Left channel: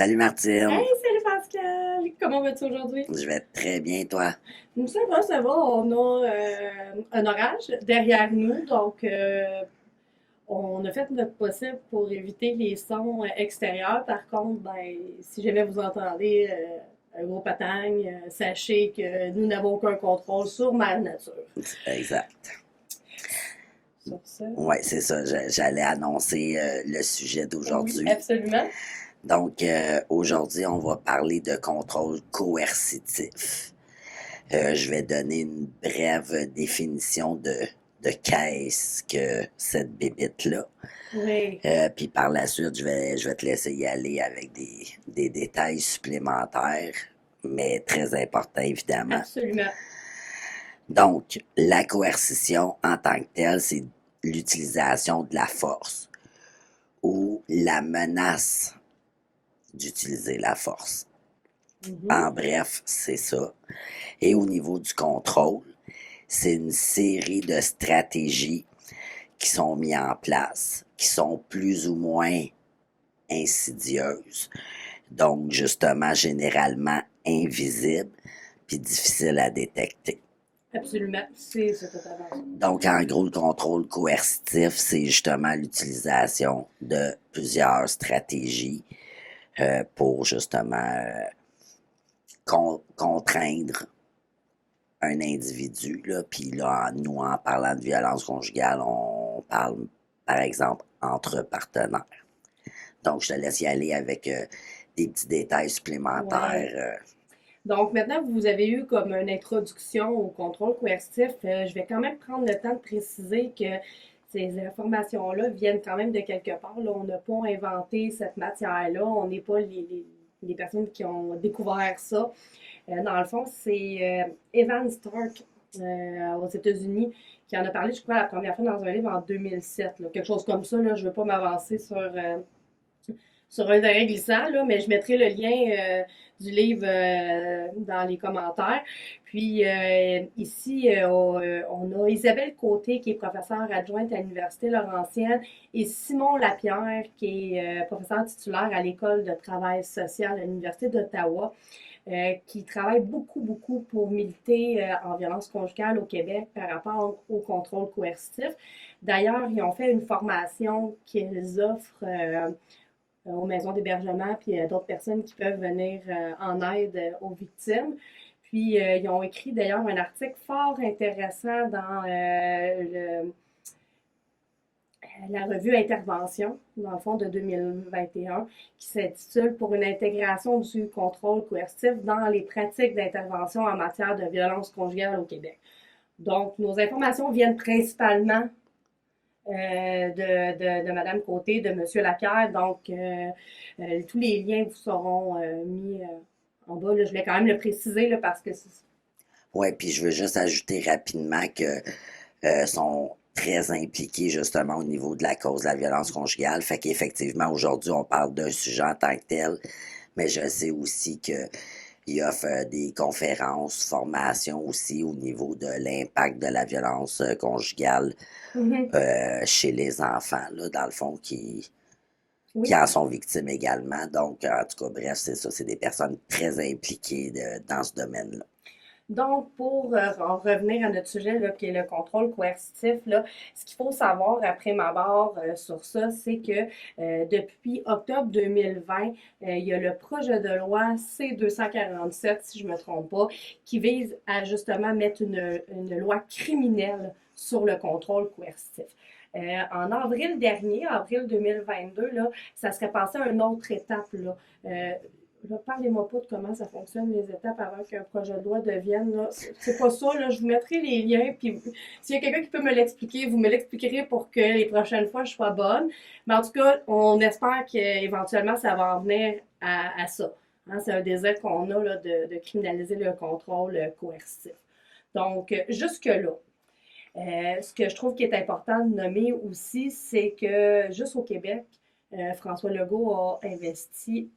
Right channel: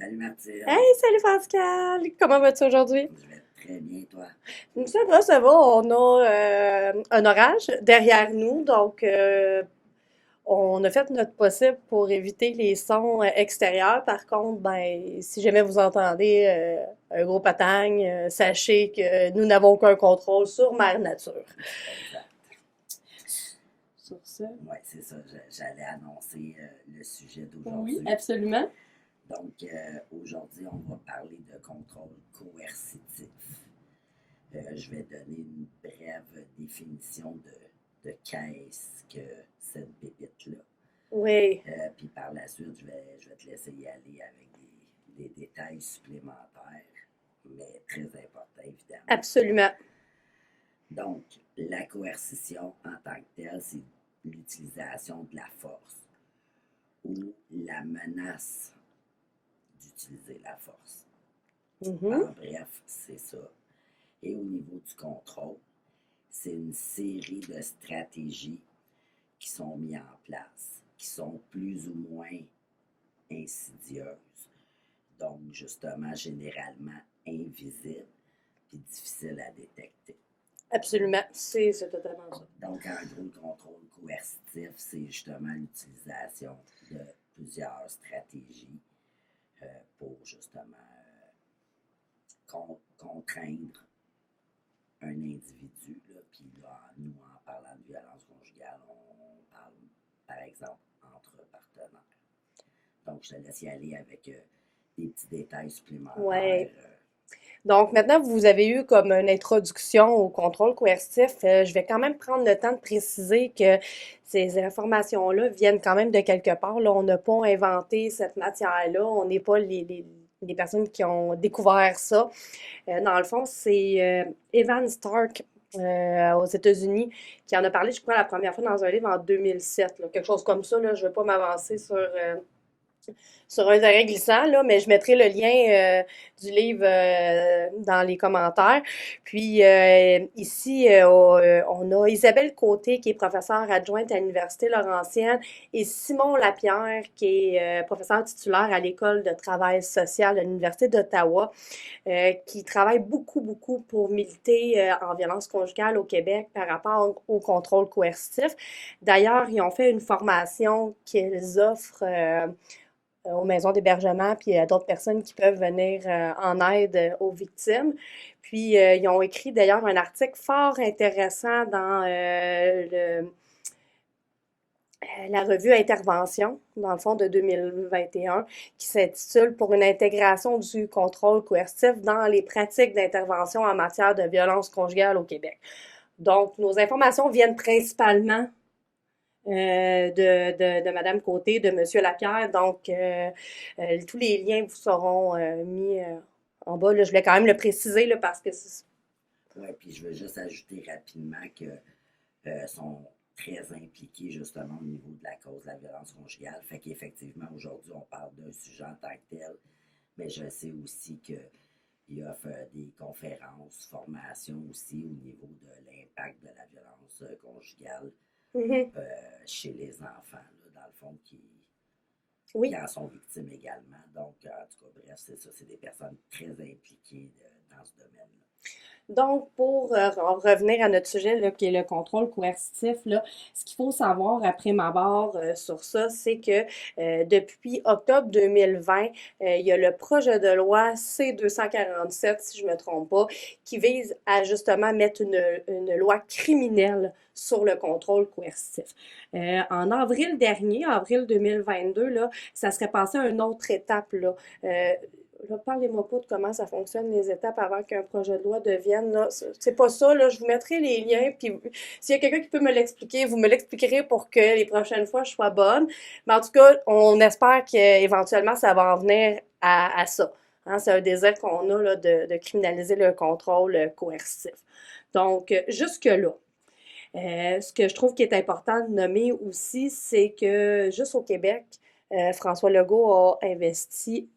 Salut Hey, Martine, salut Pascal! Comment vas-tu aujourd'hui? je vais très bien toi. Ça va, ça va. On a un orage derrière nous, donc on a fait notre possible pour éviter les sons extérieurs. Par contre, ben, si jamais vous entendez un gros patagne, sachez que nous n'avons aucun contrôle sur Mère Nature. Exact. Sur ça? Ouais, c'est ça, j'allais annoncer le sujet Oui, d'aujourd'hui. absolument. Donc, aujourd'hui, on va parler de contrôle coercitif. Je vais donner une brève définition de qu'est-ce que cette bébite-là. Oui, Puis par la suite, je vais te laisser y aller avec des détails supplémentaires, mais très importants évidemment. absolument. Donc, la coercition en tant que telle, c'est l'utilisation de la force ou la menace d'utiliser la force. Mhm. En bref, c'est ça. Et au niveau du contrôle, c'est une série de stratégies qui sont mises en place, qui sont plus ou moins insidieuses, donc justement généralement invisibles, puis difficiles à détecter. Absolument. C'est totalement ça. Donc, en gros, le contrôle coercitif, c'est justement l'utilisation de plusieurs stratégies pour justement contraindre un individu. Là. Puis là, nous, en parlant de violence conjugale, on parle, par exemple, entre partenaires. Donc, je te laisse y aller avec des petits détails Ouais. supplémentaires. Donc, maintenant, vous avez eu comme une introduction au contrôle coercitif. Je vais quand même prendre le temps de préciser que ces informations-là viennent quand même de quelque part. Là, on n'a pas inventé cette matière-là. On n'est pas les personnes qui ont découvert ça. Dans le fond, c'est Evan Stark aux États-Unis qui en a parlé, je crois, la première fois dans un livre en 2007. Là, quelque chose comme ça. Là, je ne veux pas m'avancer sur un terrain glissant, là, mais je mettrai le lien du livre dans les commentaires. Puis ici, on a Isabelle Côté, qui est professeure adjointe à l'Université Laurentienne, et Simon Lapierre, qui est professeur titulaire à l'École de travail social de l'Université d'Ottawa, qui travaille beaucoup, beaucoup pour militer en violence conjugale au Québec par rapport au contrôle coercitif. D'ailleurs, ils ont fait une formation qu'ils offrent aux maisons d'hébergement, puis à d'autres personnes qui peuvent venir en aide aux victimes. Puis, ils ont écrit d'ailleurs un article fort intéressant dans la revue Intervention, dans le fond, de 2021, qui s'intitule Pour une intégration du contrôle coercitif dans les pratiques d'intervention en matière de violence conjugale au Québec. Donc, nos informations viennent principalement de Mme Côté, de Monsieur Lapierre. Donc, tous les liens vous seront mis en bas. Là, je voulais quand même le préciser là, parce que c'est... Ouais, puis je veux juste ajouter rapidement que sont très impliqués justement au niveau de la cause de la violence conjugale. Fait qu'effectivement, aujourd'hui, on parle d'un sujet en tant que tel, mais je sais aussi qu'il offre des conférences, formations aussi au niveau de l'impact de la violence conjugale Mhm. chez les enfants, là, dans le fond, qui Oui. en sont victimes également. Donc, en tout cas, bref, c'est ça, c'est des personnes très impliquées dans ce domaine-là. Donc, pour en revenir à notre sujet, là, qui est le contrôle coercitif, là, ce qu'il faut savoir après ma barre sur ça, c'est que depuis octobre 2020, il y a le projet de loi C-247, si je ne me trompe pas, qui vise à justement mettre une loi criminelle sur le contrôle coercitif. En avril dernier, avril 2022, là, ça serait passé à une autre étape. Là. Là, parlez-moi pas de comment ça fonctionne, les étapes avant qu'un projet de loi devienne. Là. C'est pas ça. Là. Je vous mettrai les liens. Puis s'il y a quelqu'un qui peut me l'expliquer, vous me l'expliquerez pour que les prochaines fois, je sois bonne. Mais en tout cas, on espère qu'éventuellement, ça va en venir à ça. Hein, c'est un désir qu'on a là, de criminaliser le contrôle coercitif. Donc, jusque-là. Ce que je trouve qui est important de nommer aussi, c'est que juste au Québec, François Legault a investi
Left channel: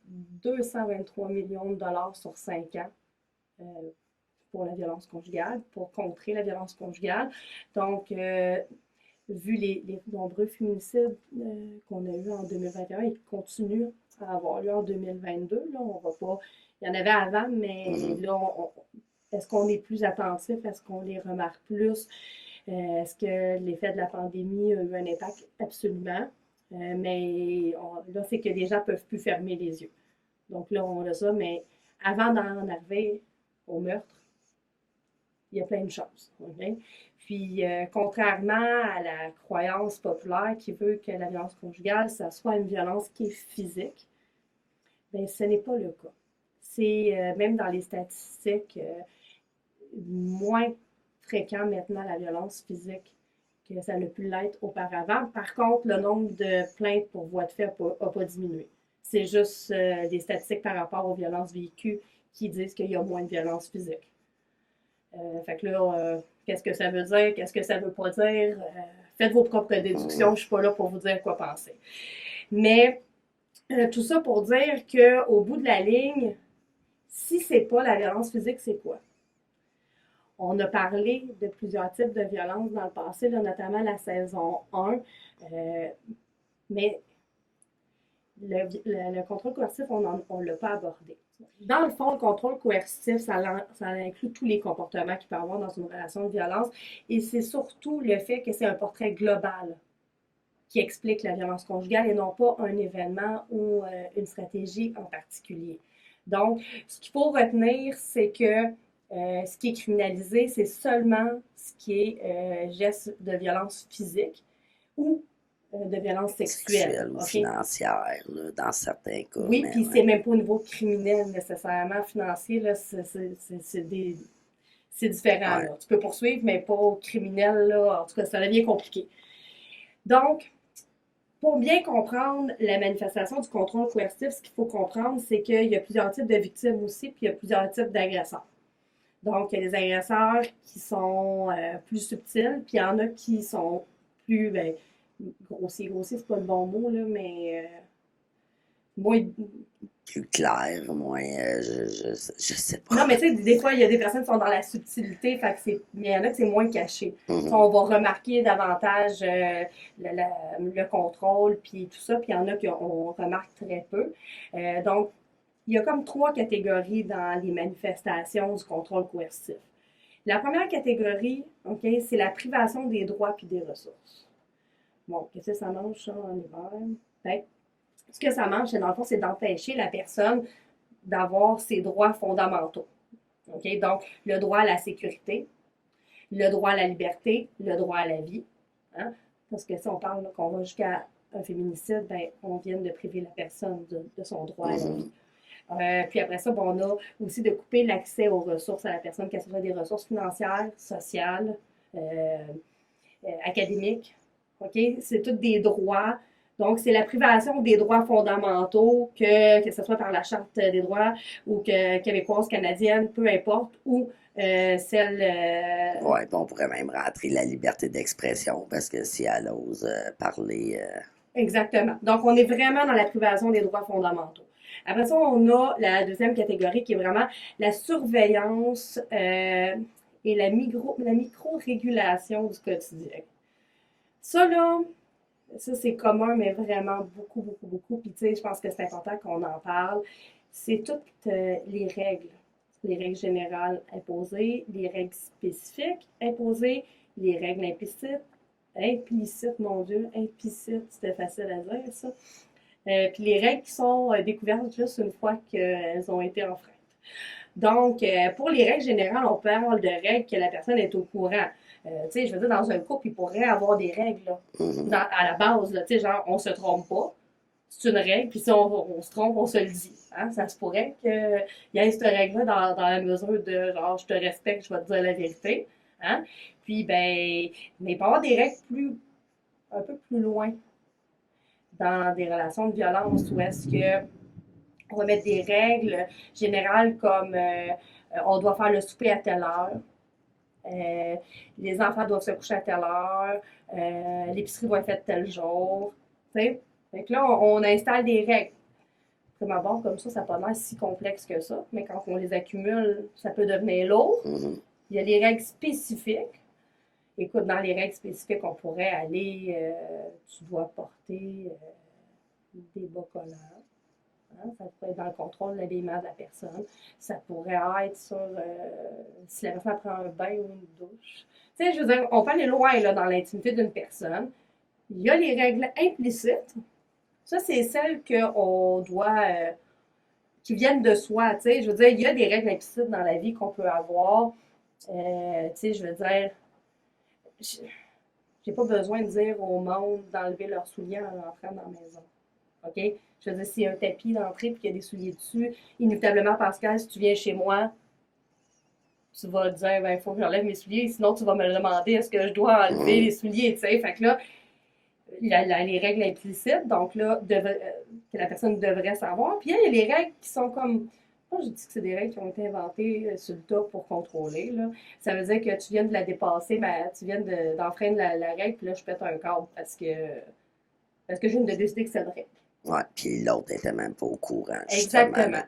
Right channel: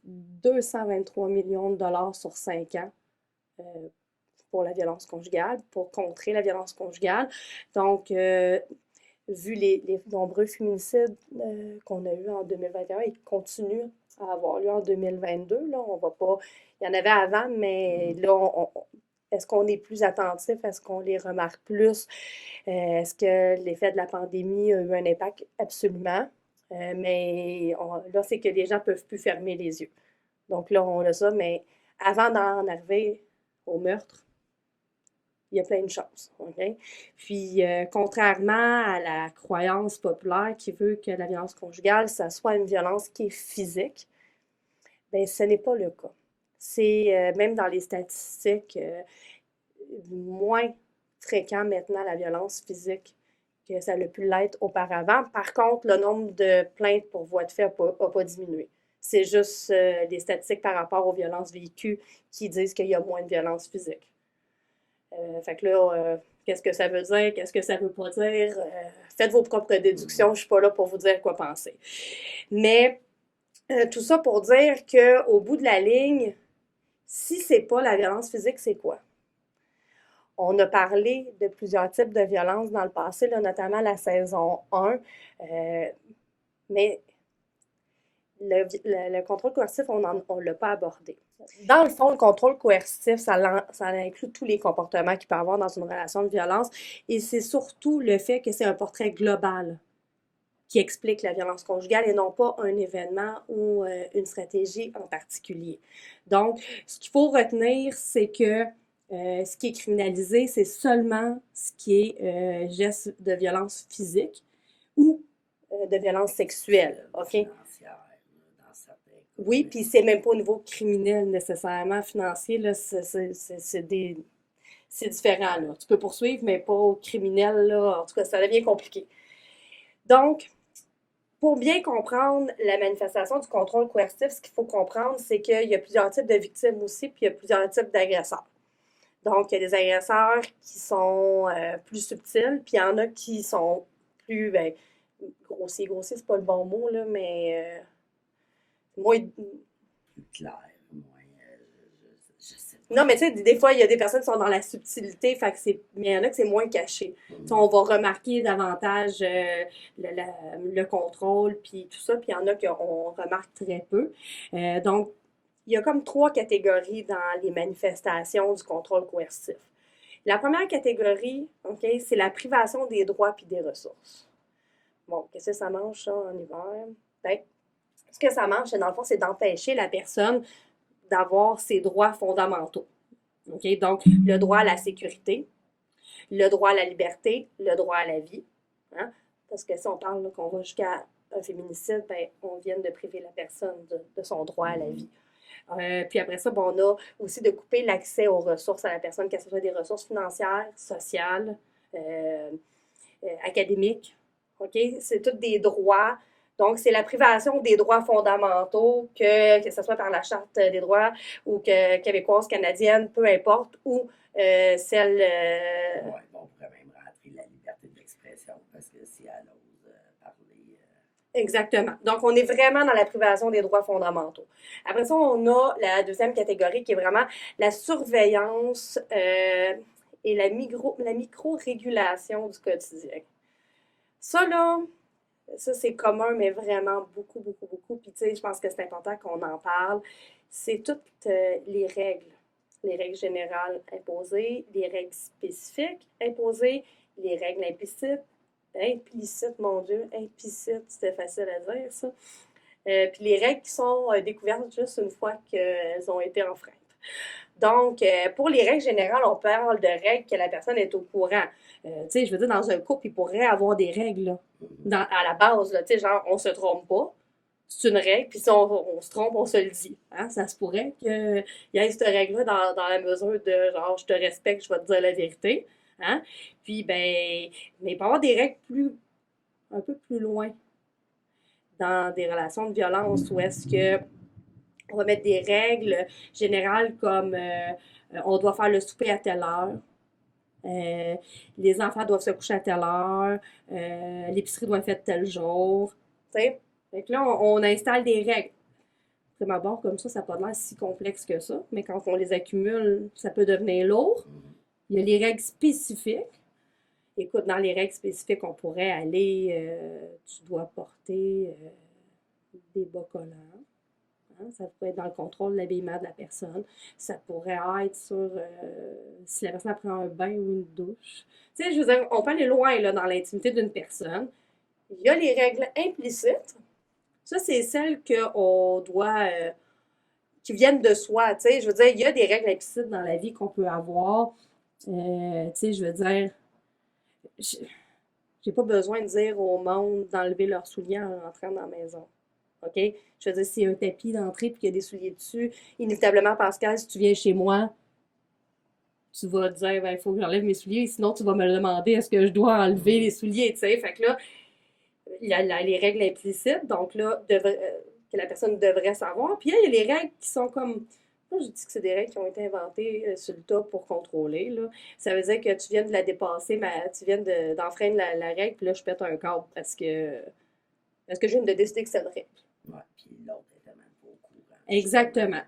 223 millions de dollars sur 5 ans euh, pour la violence conjugale, pour contrer la violence conjugale. Donc, vu les nombreux féminicides qu'on a eus en 2021, ils continuent à avoir lieu en 2022. Là, on va pas. Il y en avait avant, mais Mhm. là, est-ce qu'on est plus attentif? Est-ce qu'on les remarque plus? Est-ce que l'effet de la pandémie a eu un impact? Absolument. Mais là, c'est que les gens ne peuvent plus fermer les yeux. Donc là, on a ça, mais avant d'en arriver au meurtre, il y a plein de choses. Okay? Puis, contrairement à la croyance populaire qui veut que la violence conjugale, ça soit une violence qui est physique, bien, ce n'est pas le cas. C'est même dans les statistiques moins fréquent maintenant la violence physique que ça a pu l'être auparavant. Par contre, le nombre de plaintes pour voie de fait n'a pas diminué. C'est juste des statistiques par rapport aux violences vécues qui disent qu'il y a moins de violence physique. Fait que là, qu'est-ce que ça veut dire? Qu'est-ce que ça veut pas dire? Faites vos propres déductions. Je ne suis pas là pour vous dire quoi penser. Mais tout ça pour dire qu'au bout de la ligne, si c'est pas la violence physique, c'est quoi? On a parlé de plusieurs types de violences dans le passé, là, notamment la saison 1, mais le contrôle coercitif, on ne l'a pas abordé. Dans le fond, le contrôle coercitif, ça inclut tous les comportements qu'il peut y avoir dans une relation de violence et c'est surtout le fait que c'est un portrait global qui explique la violence conjugale et non pas un événement ou une stratégie en particulier. Donc, ce qu'il faut retenir, c'est que ce qui est criminalisé, c'est seulement ce qui est geste de violence physique ou de violence sexuelle. Sexuelle ou Okay? financière, là, dans certains cas. Oui, Mais puis ouais. c'est même pas au niveau criminel nécessairement, financier, là, c'est différent. Ouais. Là. Tu peux poursuivre, mais pas au criminel. Là. En tout cas, ça devient compliqué. Donc, pour bien comprendre la manifestation du contrôle coercitif, ce qu'il faut comprendre, c'est qu'il y a plusieurs types de victimes aussi, puis il y a plusieurs types d'agresseurs. Donc, il y a des agresseurs qui sont plus subtils, puis il y en a qui sont plus grossiers. Grossier, c'est pas le bon mot, là, mais moins. Plus clair, moins. Je sais Non, pas. mais tu sais, des fois, il y a des personnes qui sont dans la subtilité, fait que mais il y en a que c'est moins caché. Mhm. On va remarquer davantage le contrôle, puis tout ça, puis il y en a qu'on remarque très peu. Donc, il y a comme trois catégories dans les manifestations du contrôle coercitif. La première catégorie, OK, c'est la privation des droits puis des ressources. Bon, qu'est-ce que ça mange, ça, en hiver? Ben, ce que ça mange, dans le fond, c'est d'empêcher la personne d'avoir ses droits fondamentaux. Okay? Donc, le droit à la sécurité, le droit à la liberté, le droit à la vie. Hein? Parce que si on parle qu'on va jusqu'à un féminicide, ben, on vient de priver la personne de son droit à la Mhm. vie. Puis après ça, bon, on a aussi de couper l'accès aux ressources à la personne, que ce soit des ressources financières, sociales, académiques. OK? C'est tous des droits. Donc, c'est la privation des droits fondamentaux, que ce soit par la Charte des droits ou québécoise, canadienne, peu importe, ou celle. Ouais, puis on pourrait même rentrer la liberté d'expression parce que si elle ose parler. Exactement. Donc, on est vraiment dans la privation des droits fondamentaux. Après ça, on a la deuxième catégorie qui est vraiment la surveillance et la micro-régulation du quotidien. Ça, là, ça, c'est commun, mais vraiment beaucoup, beaucoup, beaucoup. Puis, tu sais, je pense que c'est important qu'on en parle. C'est toutes les règles générales imposées, les règles spécifiques imposées, les règles implicites, mon Dieu, implicites, c'était facile à dire, ça. Puis les règles qui sont découvertes juste une fois qu'elles ont été enfreintes. Donc, pour les règles générales, on parle de règles que la personne est au courant. Tu sais, je veux dire, dans un couple, il pourrait avoir des règles, là, Mhm. à la base, là, tu sais, genre, on se trompe pas. C'est une règle, puis si on se trompe, on se le dit. Hein? Ça se pourrait qu'il y ait cette règle-là dans la mesure de, genre, je te respecte, je vais te dire la vérité. Hein? Puis, ben, mais il peut y avoir des règles un peu plus loin dans des relations de violence où est-ce que on va mettre des règles générales comme on doit faire le souper à telle heure, les enfants doivent se coucher à telle heure, l'épicerie doit être faite tel jour. T'sais? Fait que là, on installe des règles. Prima abord, comme ça n'a pas l'air si complexe que ça, mais quand on les accumule, ça peut devenir lourd. Mhm. Il y a les règles spécifiques. Écoute, dans les règles spécifiques, on pourrait aller, tu dois porter des bas collants. Hein. Ça pourrait être dans le contrôle de l'habillement de la personne. Ça pourrait être sur si la personne prend un bain ou une douche. Tu sais, je veux dire, on peut aller loin là, dans l'intimité d'une personne. Il y a les règles implicites. Ça, c'est celles qu'on doit, qui viennent de soi. Tu sais, je veux dire, il y a des règles implicites dans la vie qu'on peut avoir. Tu sais, je veux dire, j'ai pas besoin de dire au monde d'enlever leurs souliers en rentrant dans la maison. OK? Je veux dire, s'il y a un tapis d'entrée et qu'il y a des souliers dessus, inévitablement, Pascal, si tu viens chez moi, tu vas dire, ben, il faut que j'enlève mes souliers, sinon tu vas me le demander, est-ce que je dois enlever les souliers, tu sais? Fait que là, il y a les règles implicites, donc là, que la personne devrait savoir. Puis il y a les règles qui sont comme. Moi, je dis que c'est des règles qui ont été inventées sur le tas pour contrôler. Là. Ça veut dire que tu viens de la dépasser, mais tu viens d'enfreindre la règle, puis là, je pète un câble parce que je viens de décider que c'est une règle. Ouais, puis l'autre n'était même pas au courant, justement. Exactement.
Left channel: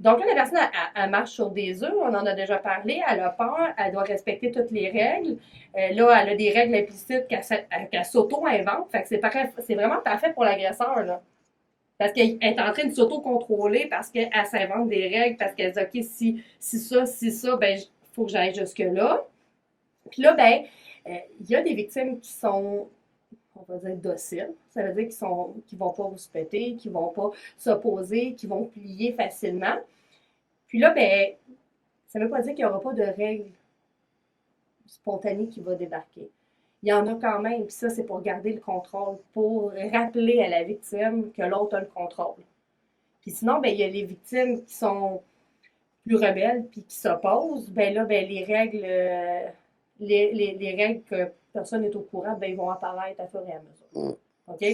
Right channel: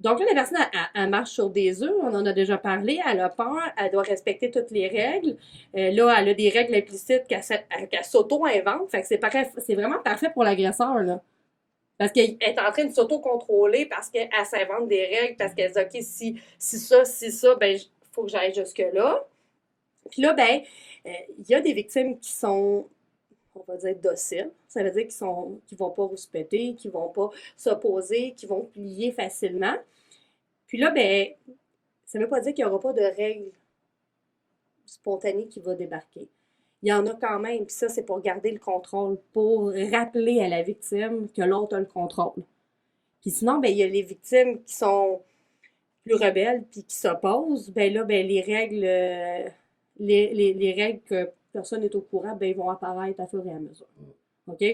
Donc là, la personne, elle marche sur des œufs, on en a déjà parlé, elle a peur, elle doit respecter toutes les règles. Là, elle a des règles implicites qu'elle s'auto-invente. Fait que c'est vraiment parfait pour l'agresseur, là. Parce qu'elle est en train de s'auto-contrôler parce qu'elle s'invente des règles, parce qu'elle dit, OK, si ça, ben, il faut que j'aille jusque-là. Puis là, ben, il y a des victimes qui sont, on va dire, dociles. Ça veut dire qu'ils vont pas rouspéter, qu'ils vont pas s'opposer, qu'ils vont plier facilement. Puis là, ben, ça ne veut pas dire qu'il n'y aura pas de règles spontanées qui vont débarquer. Il y en a quand même, puis ça, c'est pour garder le contrôle, pour rappeler à la victime que l'autre a le contrôle. Puis sinon, ben, il y a les victimes qui sont plus rebelles puis qui s'opposent. Ben là, ben, les règles que personne n'est au courant, ben, ils vont apparaître à fur et à mesure. OK?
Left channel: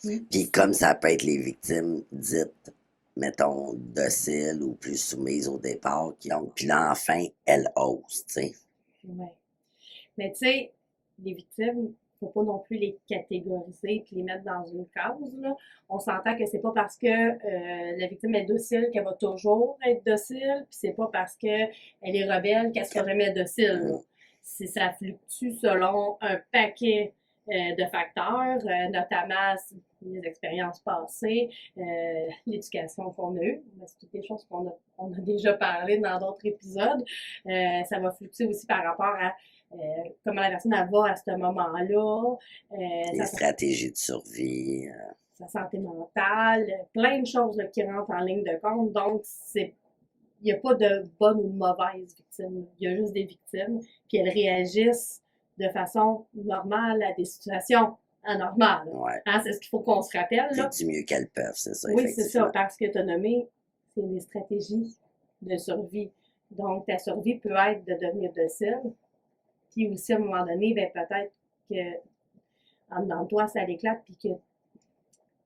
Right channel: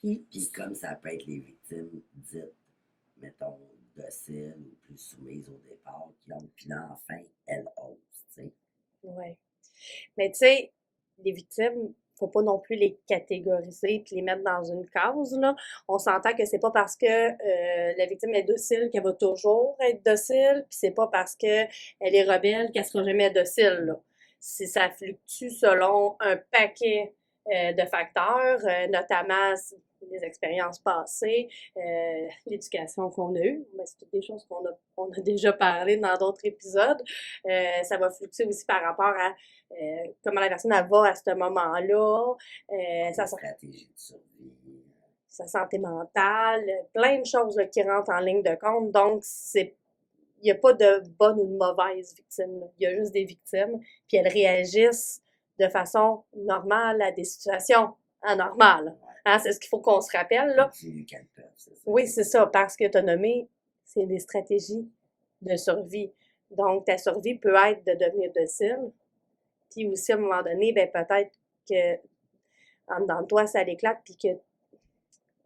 Puis comme ça peut être les victimes dites, mettons, dociles ou plus soumises au départ, puis là, enfin, elles osent, tu sais. Oui. Mais tu sais, les victimes, faut pas non plus les catégoriser et les mettre dans une case, là. On s'entend que c'est pas parce que la victime est docile qu'elle va toujours être docile, puis c'est pas parce qu'elle est rebelle qu'elle sera jamais docile, là. Ça fluctue selon un paquet de facteurs, notamment les expériences passées, l'éducation qu'on a eue. Ben, c'est toutes des choses qu'on a déjà parlé dans d'autres épisodes. Ça va fluctuer aussi par rapport à comment la personne elle va à ce moment-là. Les stratégies de survie. Sa santé mentale, plein de choses là, qui rentrent en ligne de compte. Donc, il n'y a pas de bonne ou de mauvaise victime. Là. Il y a juste des victimes, puis elles réagissent de façon normale à des situations anormales. Ouais. Hein, c'est ce qu'il faut qu'on se rappelle. Là. Du mieux qu'elles peuvent, c'est ça. Oui, c'est ça, parce que tu as nommé, c'est des stratégies de survie. Donc, ta survie peut être de devenir docile, puis aussi, à un moment donné, ben, peut-être que en dedans de toi, ça l'éclate, puis que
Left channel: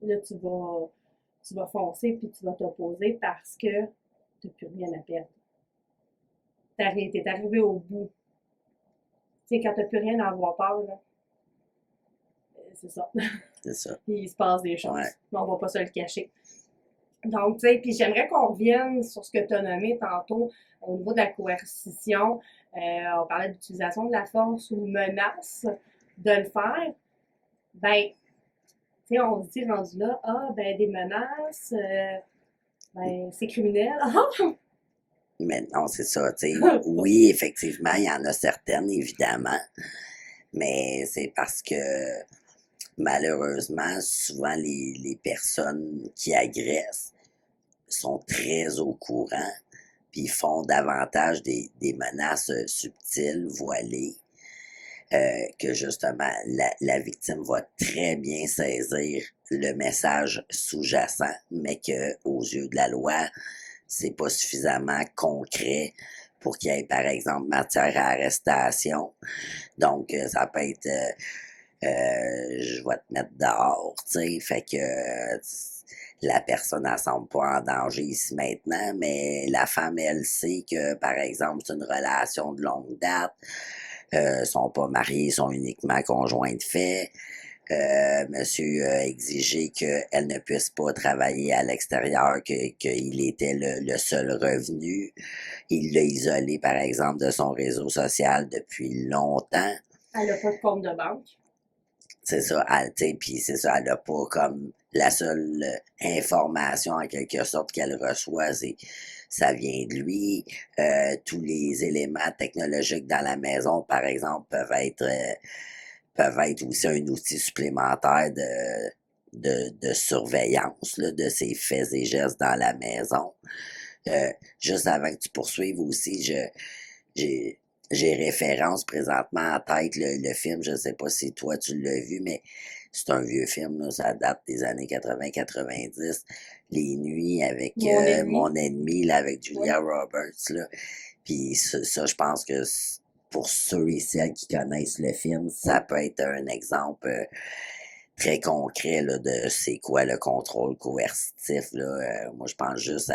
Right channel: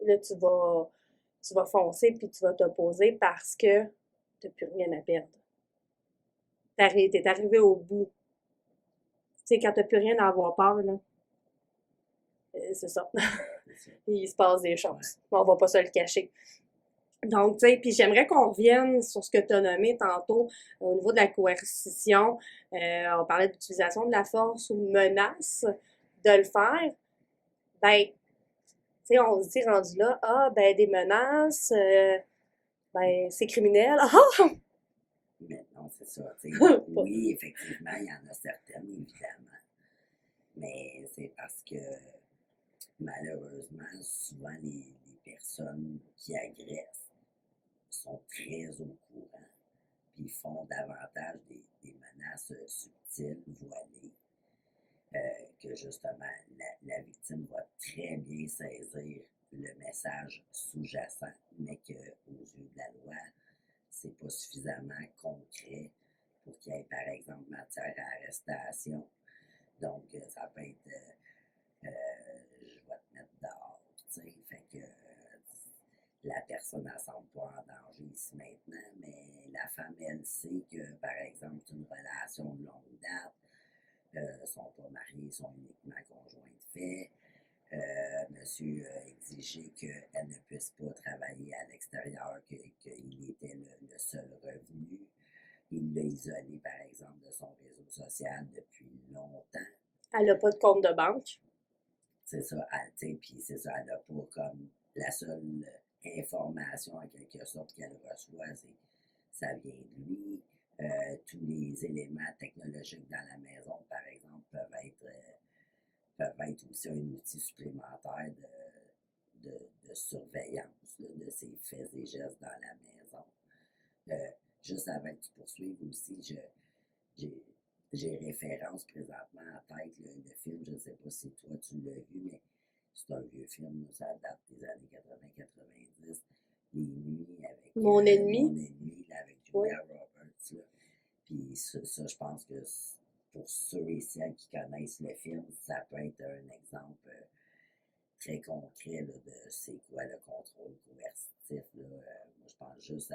là, tu vas foncer, puis tu vas t'opposer parce que tu n'as plus rien à perdre. T'es arrivé au bout. Tu sais, quand tu n'as plus rien à avoir peur, là, c'est ça. C'est ça. Il se passe des choses. Ouais. On va pas se le cacher. Donc, tu sais, puis j'aimerais qu'on revienne sur ce que tu as nommé tantôt au niveau de la coercition. On parlait d'utilisation de la force ou menace de le faire. Ben, tu sais, on se dit rendu là, ben, des menaces, ben, c'est criminel. Mais non, c'est ça, tu sais. Oui, effectivement, il y en a certaines, évidemment. Mais c'est parce que malheureusement, souvent les personnes qui agressent sont très au courant, puis font davantage des menaces subtiles, voilées, que justement la victime va très bien saisir le message sous-jacent, mais qu'aux yeux de la loi, c'est pas suffisamment concret pour qu'il y ait, par exemple, matière à arrestation. Donc, ça peut être je vais te mettre dehors, tu sais. Fait que la personne ne semble pas en danger ici maintenant, mais la femme, elle sait que, par exemple, c'est une relation de longue date. Sont pas mariés, sont uniquement conjoints de fait. Monsieur a exigé qu'elle ne puisse pas travailler à l'extérieur, qu'il était le seul revenu. Il l'a isolé, par exemple, de son réseau social depuis longtemps. Elle n'a pas de compte de banque. c'est ça, puis c'est ça, elle n'a pas comme la seule information en quelque sorte qu'elle reçoit, c'est ça vient de lui. Tous les éléments technologiques dans la maison, par exemple, peuvent être aussi un outil supplémentaire de surveillance là, de ses faits et gestes dans la maison. Juste avant que tu poursuives aussi, j'ai, j'ai référence présentement en tête le film, je ne sais pas si toi tu l'as vu, mais c'est un vieux film, là, ça date des années 80-90. Les nuits avec Mon Mon ennemi, ennemi, là, avec oui. Julia Roberts. Là. Puis ça, je pense que pour ceux et celles qui connaissent le film, ça peut être un exemple très concret là, de c'est quoi le contrôle coercitif. Là. Moi, je pense juste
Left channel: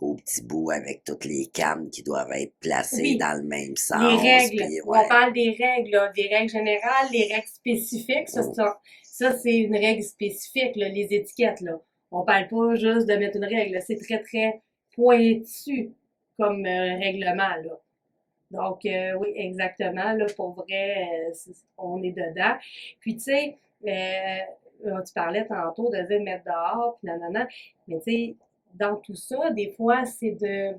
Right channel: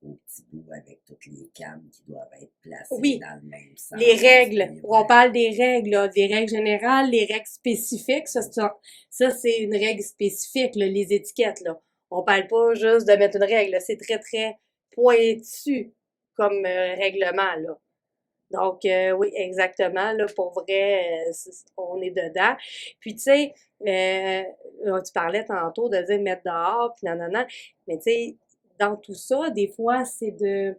au petit bout avec toutes les cannes qui doivent être placées Oui, dans le même les sens. règles. Puis, On ouais. parle des règles, là, des règles générales, les règles spécifiques. Ça, c'est une règle spécifique, là, les étiquettes. Là. On parle pas juste de mettre une règle. C'est très, très pointu comme règlement. Là. Donc, oui, exactement. Là, pour vrai, on est dedans. Puis, tu sais, tu parlais tantôt de dire mettre dehors, puis nanana. Mais, tu sais, dans tout ça, des fois, c'est de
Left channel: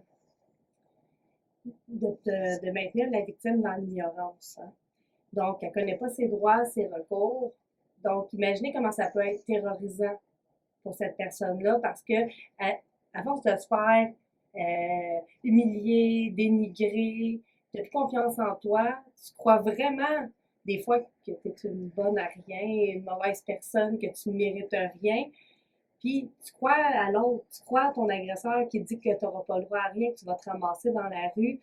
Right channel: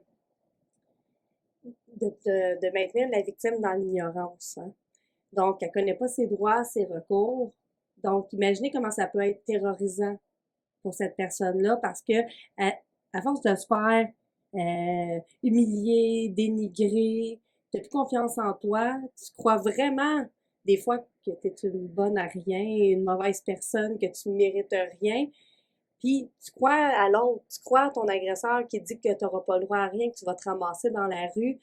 maintenir la victime dans l'ignorance. Hein. Donc, elle ne connaît pas ses droits, ses recours. Donc, imaginez comment ça peut être terrorisant pour cette personne-là parce que, à force de se faire humilier, dénigrer, tu n'as plus confiance en toi, tu crois vraiment des fois que tu es une bonne à rien, une mauvaise personne, que tu ne mérites rien. Puis, tu crois à l'autre, tu crois à ton agresseur qui dit que tu n'auras pas le droit à rien, que tu vas te ramasser dans la rue.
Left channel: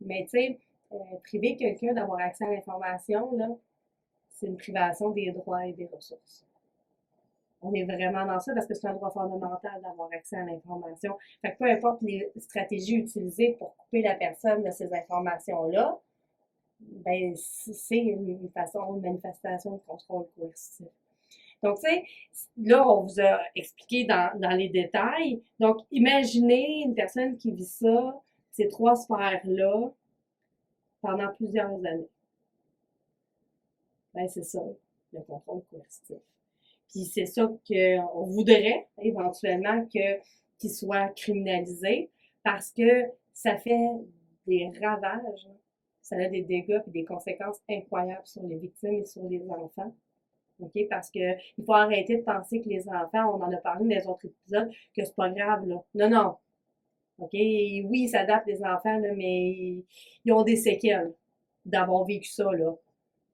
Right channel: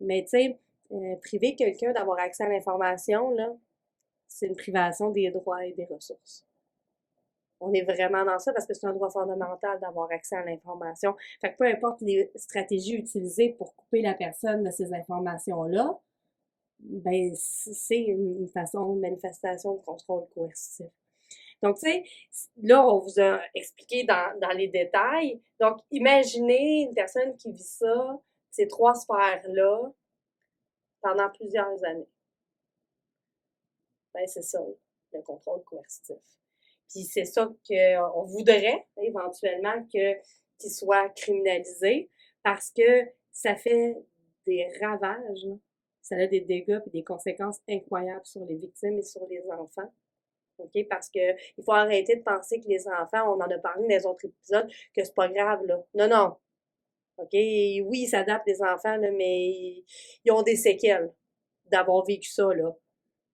Mais tu sais, priver quelqu'un d'avoir accès à l'information, là, c'est une privation des droits et des ressources. On est vraiment dans ça parce que c'est un droit fondamental d'avoir accès à l'information. Fait que peu importe les stratégies utilisées pour couper la personne de ces informations-là, ben, c'est une façon, une manifestation de contrôle coercitif. Donc, tu sais, là, on vous a expliqué dans les détails. Donc, imaginez une personne qui vit ça, ces trois sphères-là, pendant plusieurs années. Ben, c'est ça, le contrôle coercitif. Puis c'est ça qu'on voudrait éventuellement qu'il soit criminalisé parce que ça fait des ravages, là. Ça a des dégâts et des conséquences incroyables sur les victimes et sur les enfants. OK? Parce que il faut arrêter de penser que les enfants, on en a parlé dans les autres épisodes, que c'est pas grave, là. Non, non. OK? Et oui, ils s'adaptent, les enfants, là, mais ils ont des séquelles d'avoir vécu ça, là.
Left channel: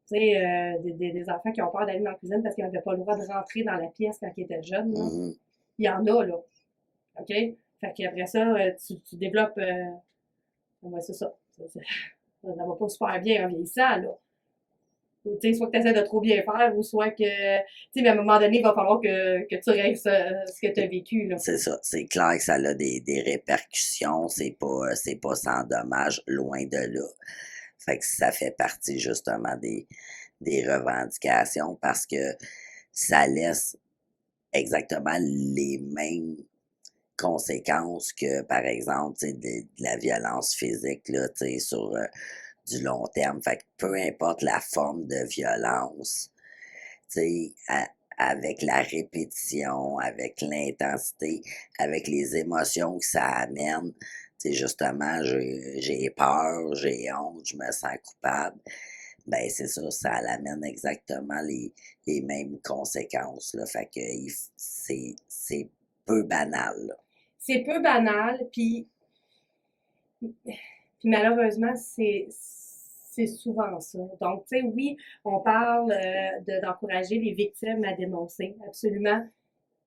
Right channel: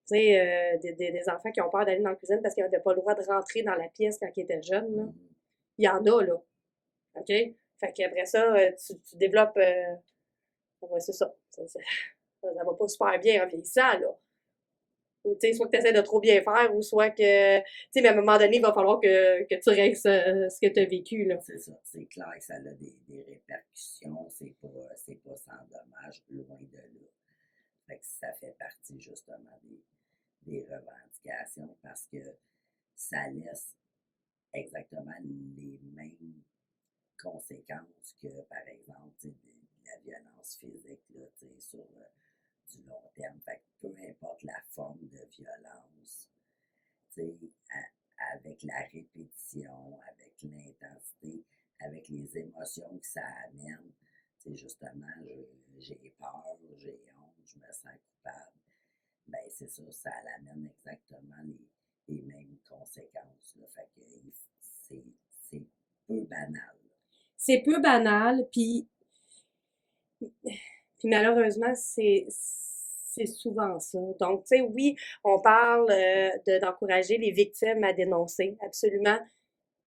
Tu sais, des enfants qui ont peur d'aller dans la cuisine parce qu'ils n'avaient pas le droit de rentrer dans la pièce quand ils étaient jeunes, là. Mhm. Il y en a, là. OK? Fait qu'après ça, tu développes. Ouais, c'est ça. Ça va pas super bien en vieillissant, là. Tu sais, soit que tu essaies de trop bien faire, ou soit que. Tu sais, mais à un moment donné, il va falloir que tu règles ce que tu as vécu, là. C'est ça. C'est clair que ça a des répercussions. C'est pas sans dommage, loin de là. Fait que ça fait partie justement des revendications parce que ça laisse exactement les mêmes conséquences que, par exemple, de la violence physique là, sur du long terme. Fait que peu importe la forme de violence, avec la répétition, avec l'intensité, avec les émotions que ça amène, justement, j'ai peur, j'ai honte, je me sens coupable. Ben, c'est ça, ça amène exactement les mêmes conséquences, là. Fait que c'est peu banal, là. C'est peu banal, puis malheureusement, c'est souvent ça. Donc, tu sais, oui, on parle d'encourager les victimes à dénoncer, absolument.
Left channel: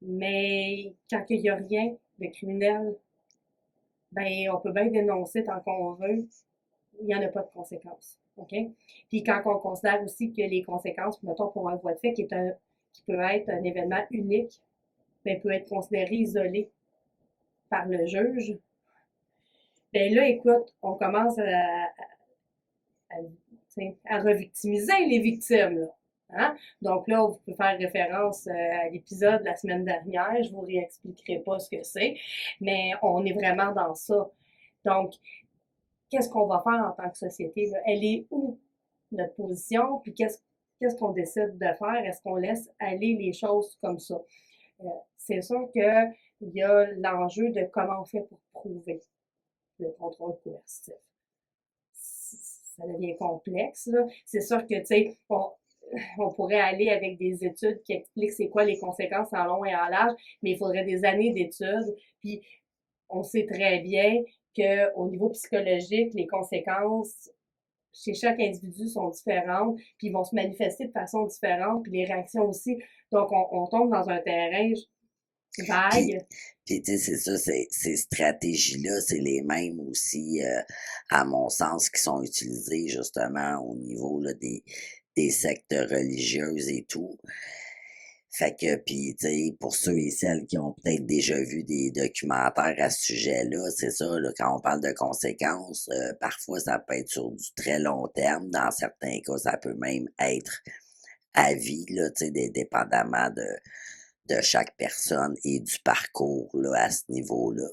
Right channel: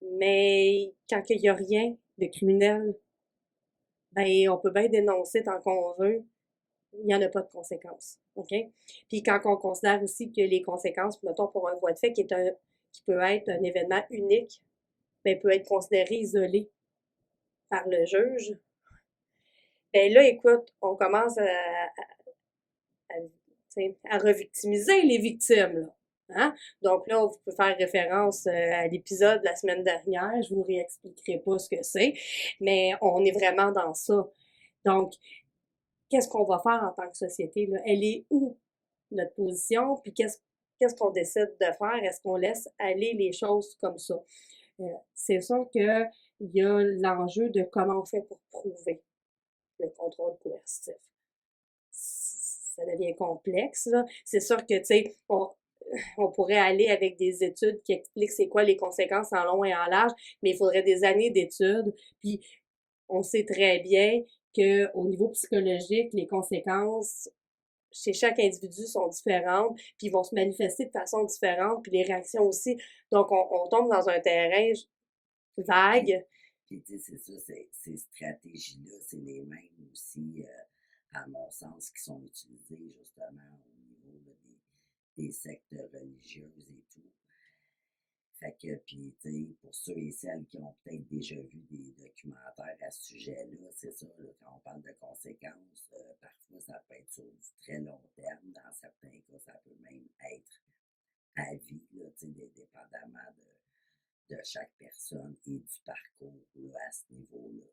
Mais quand il n'y a rien de criminel, ben, on peut bien dénoncer tant qu'on veut. Il n'y en a pas de conséquences. OK? Puis quand on considère aussi que les conséquences, mettons pour un voie de fait qui peut être un événement unique, ben, peut être considéré isolé par le juge. Ben là, écoute, on commence à revictimiser les victimes. Là. Hein? Donc là, vous pouvez faire référence à l'épisode de la semaine dernière. Je vous réexpliquerai pas ce que c'est, mais on est vraiment dans ça. Donc, qu'est-ce qu'on va faire en tant que société? Là? Elle est où notre position? Puis qu'est-ce qu'on décide de faire? Est-ce qu'on laisse aller les choses comme ça? C'est sûr qu'il y a l'enjeu de comment on fait pour prouver le contrôle coercitif. Ça devient complexe, là. C'est sûr que, tu sais, on pourrait aller avec des études qui expliquent c'est quoi les conséquences en long et en large, mais il faudrait des années d'études. Puis on sait très bien qu'au niveau psychologique, les conséquences chez chaque individu sont différentes, puis ils vont se manifester de façon différente, puis les réactions aussi. Donc, on tombe dans un terrain Puis, vague. puis tu sais, c'est ça, ces stratégies-là, c'est les mêmes aussi, à mon sens, qui sont utilisées justement au niveau là, des sectes religieuses et tout. Fait que, puis, tu sais, pour ceux et celles qui ont peut-être déjà vu des documentaires à ce sujet-là, c'est ça, là, quand on parle de conséquences, parfois ça peut être sur du très long terme. Dans certains cas, ça peut même être à vie, là, tu sais, dépendamment de chaque personne et du parcours, là, à ce niveau-là.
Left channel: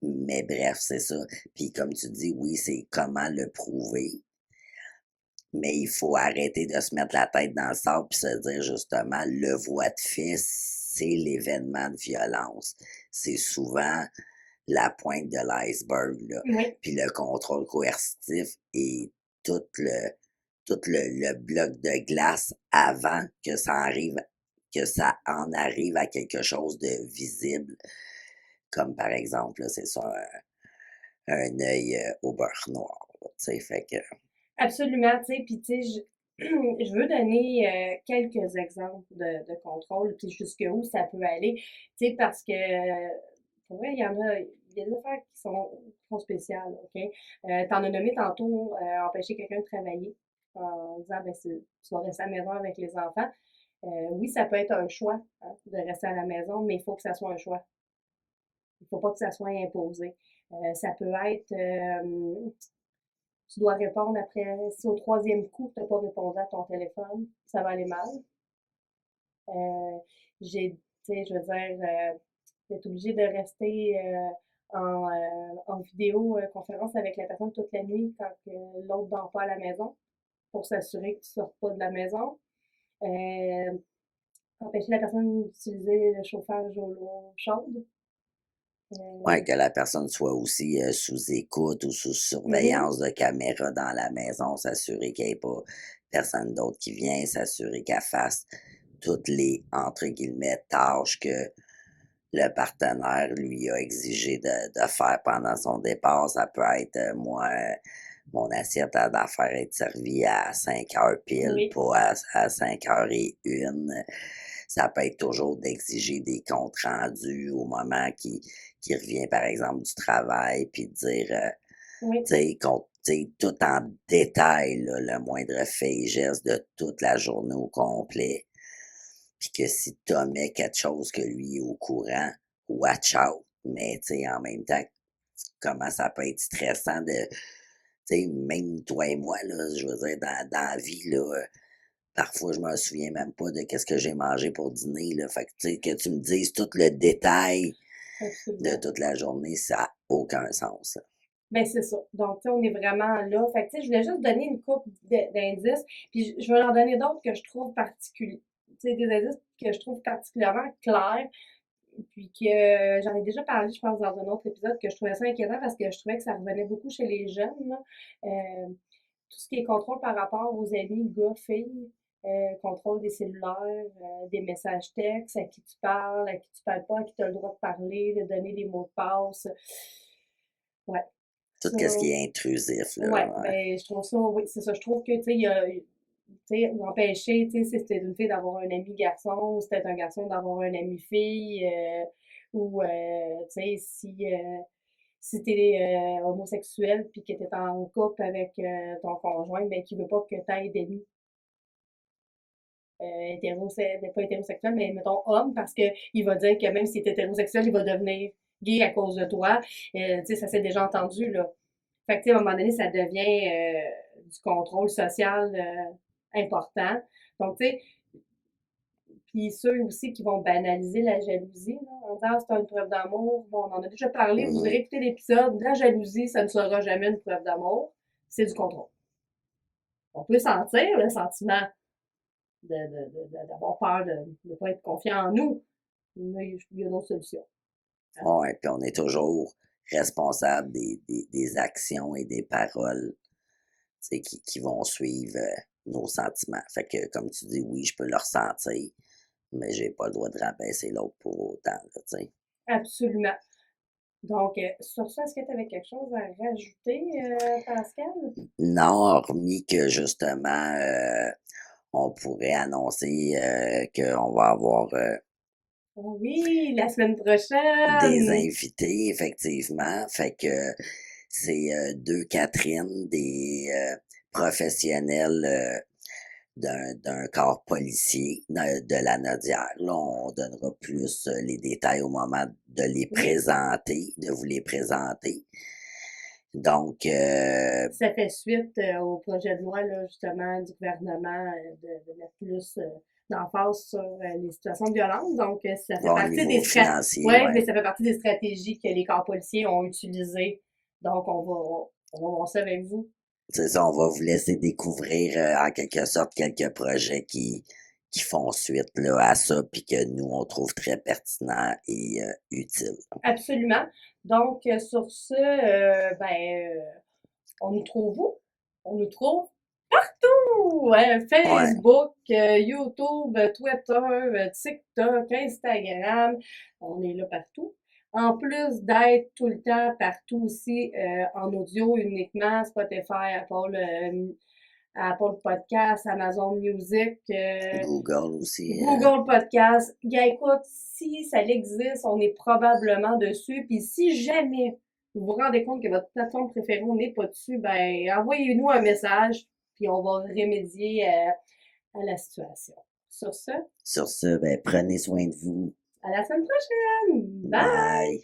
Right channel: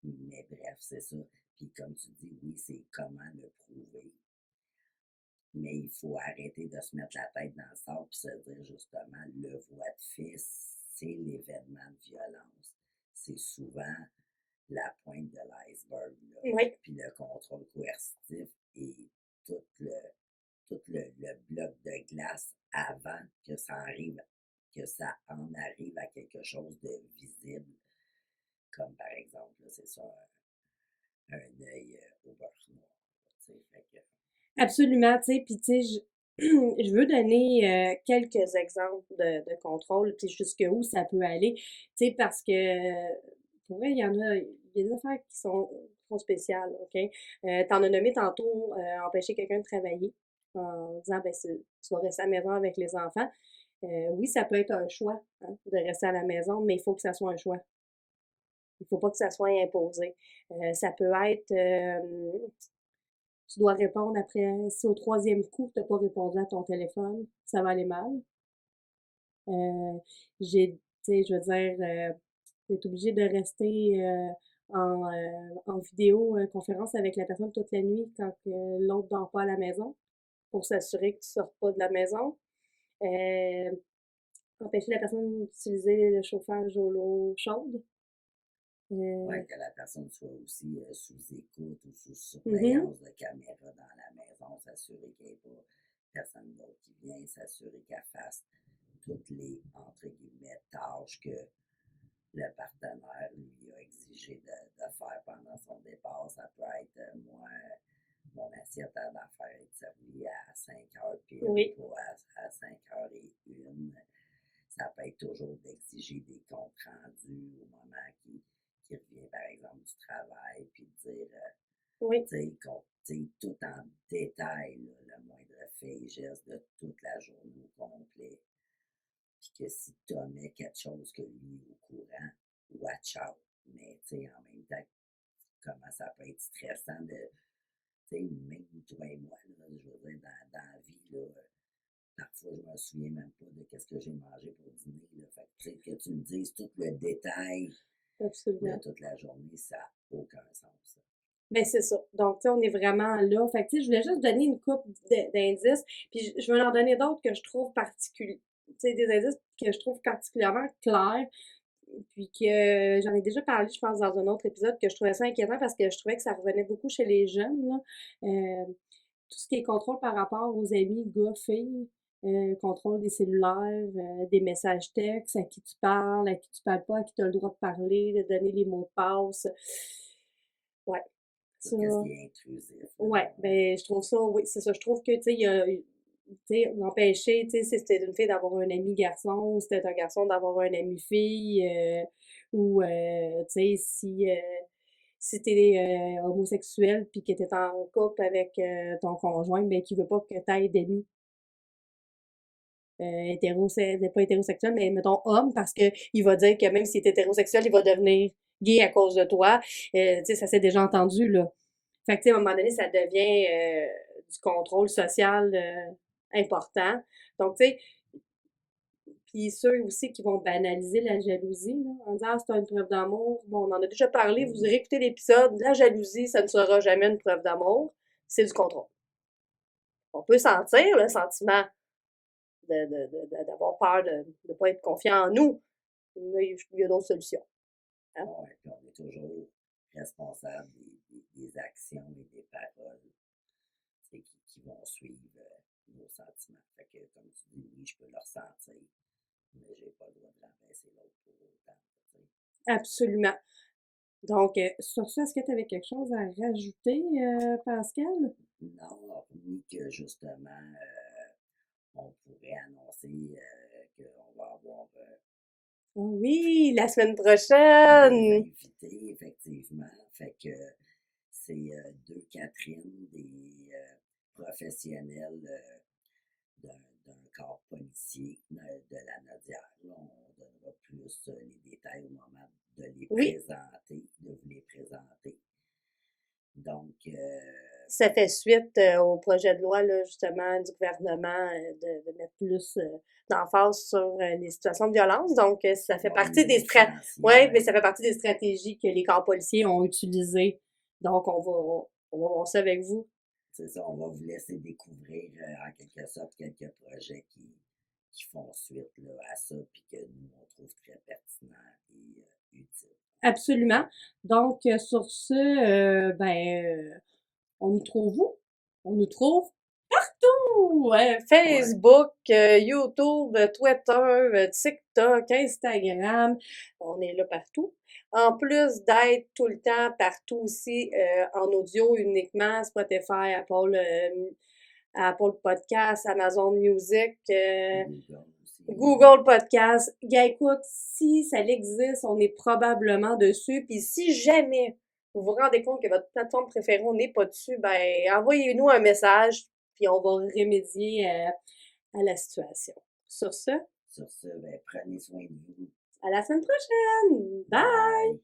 Mais bref, c'est ça. Puis comme tu dis, oui, c'est comment le prouver. Mais il faut arrêter de se mettre la tête dans le sable puis se dire justement, le voie de fait, c'est l'événement de violence. C'est souvent la pointe de l'iceberg, là. Oui, Puis le contrôle coercitif et tout le, tout le bloc de glace avant que ça en arrive à quelque chose de visible. Comme par exemple, là, c'est ça, un œil au beurre noir. Tu sais, fait que. absolument, tu sais, puis tu sais, je veux donner quelques exemples de contrôle, puis jusqu'où ça peut aller, tu sais, parce que pour vrai, il y a des affaires qui sont spéciales, OK? T'en as nommé tantôt empêcher quelqu'un de travailler en disant, ben, tu vas rester à la maison avec les enfants. Oui, ça peut être un choix hein, de rester à la maison, mais il faut que ça soit un choix. Il faut pas que ça soit imposé. Ça peut être tu dois répondre après, si au troisième coup, tu n'as pas répondu à ton téléphone, ça va aller mal. Euh, tu sais, je veux dire, d'être obligé de rester en vidéo conférence avec la personne toute la nuit quand l'autre dort pas à la maison pour s'assurer que tu ne sortes pas de la maison. Euh, empêcher la personne d'utiliser le chauffage à l'eau chaude. Ouais, Euh, que la personne soit aussi, sous écoute ou sous mhm, surveillance de caméra dans la maison, s'assurer qu'il y ait pas personne d'autre qui vient, s'assurer qu'elle fasse toutes les, entre guillemets, «tâches» que le partenaire lui a exigé de faire pendant son départ. Ça peut être, moi, mon assiette elle doit faire être servie à 5 heures pile, oui, pas à 5h01. Ça peut être toujours d'exiger des comptes rendus au moment qui revient, par exemple, du travail, puis de dire, oui, tu sais, tout en détail, là, le moindre fait et geste de toute la journée au complet. Puis que si tu omets quelque chose que lui est au courant, watch out. Mais tu sais, en même temps, comment ça peut être stressant de, tu sais, même toi et moi, là, je veux dire, dans la vie, là, parfois, je me souviens même pas de qu'est-ce que j'ai mangé pour dîner, là. Fait que, tu sais, que tu me dises tout le détail de absolument. toute la journée, ça n'a aucun sens. Ben, c'est ça. Donc, tu sais, on est vraiment là. Fait que, tu sais, je voulais juste donner une couple d'indices, puis je vais en donner d'autres que je trouve particuliers. Tu sais, des indices que je trouve particulièrement clairs, puis que j'en ai déjà parlé, je pense, dans un autre épisode, que je trouvais ça inquiétant parce que je trouvais que ça revenait beaucoup chez les jeunes, là. Tout ce qui est contrôle par rapport aux amis gars-filles, contrôle des cellulaires, des messages textes, à qui tu parles, à qui tu parles pas, à qui tu as le droit de parler, de donner les mots de passe. Ouais, Tout ça, ce qui est intrusif, là. ouais, Ouais. ben, je trouve ça, oui, c'est ça. Je trouve que, tu sais, il y a, tu sais, empêcher, tu sais, si c'était une fille d'avoir un ami garçon, ou c'était un garçon d'avoir un ami fille, ou, tu sais, si t'es homosexuel puis que t'es en couple avec ton conjoint, ben, qui veut pas que t'aies d'amis pas hétérosexuel, mais mettons homme, parce que il va dire que même s'il est hétérosexuel, il va devenir gay à cause de toi. Tu sais, ça s'est déjà entendu, là. Fait que, tu sais, à un moment donné, ça devient du contrôle social important. Donc, tu sais, puis ceux aussi qui vont banaliser la jalousie, là, en disant, ah, c'est une preuve d'amour. Bon, on en a déjà parlé, vous Mhm. irez écouter l'épisode. La jalousie, ça ne sera jamais une preuve d'amour. C'est du contrôle. On peut sentir le sentiment, d'avoir peur de ne pas être confiant en nous. Mais il y a d'autres solutions. Hein. Ouais, puis on est toujours responsable des actions et des paroles, tu sais, qui vont suivre, nos sentiments. Fait que, comme tu dis, oui, je peux le ressentir, mais j'ai pas le droit de rabaisser l'autre pour autant, là, tu sais. Absolument. Donc, sur ça, est-ce que tu avais quelque chose à rajouter, Pascal? Non, hormis que justement, on pourrait annoncer, qu'on va avoir, Oh oui, la semaine des prochaine! invités, effectivement. Fait que c'est 2 Catherine, des professionnels d'un corps policier de la Nodière. Là, on donnera plus les détails au moment de les Oui, présenter, de vous les présenter. Donc, ça fait suite au projet de loi, là, justement, du gouvernement de mettre plus d'emphase sur les situations de violence. Donc, ça fait au partie niveau des financier, ouais, mais ouais. ça fait partie des stratégies que les corps policiers ont utilisées. Donc, on va voir ça avec vous. C'est ça, on va vous laisser découvrir en quelque sorte quelques projets qui font suite là, à ça, puis que nous, on trouve très pertinent et utile. Absolument. Donc, sur ce, on nous trouve où? On nous trouve partout! Ouais, Facebook, YouTube, Twitter, TikTok, Instagram. On est là partout. En plus d'être tout le temps partout aussi en audio uniquement, Spotify, Apple Podcast, Amazon Music, Google aussi. Google Podcast. Gars, écoute, si ça existe, on est probablement dessus. Puis si jamais vous vous rendez compte que votre plateforme préférée n'est pas dessus, ben envoyez-nous un message, puis on va remédier à la situation. Sur ce, Sur ce, ben, prenez soin de vous. à la semaine prochaine! Bye! Bye.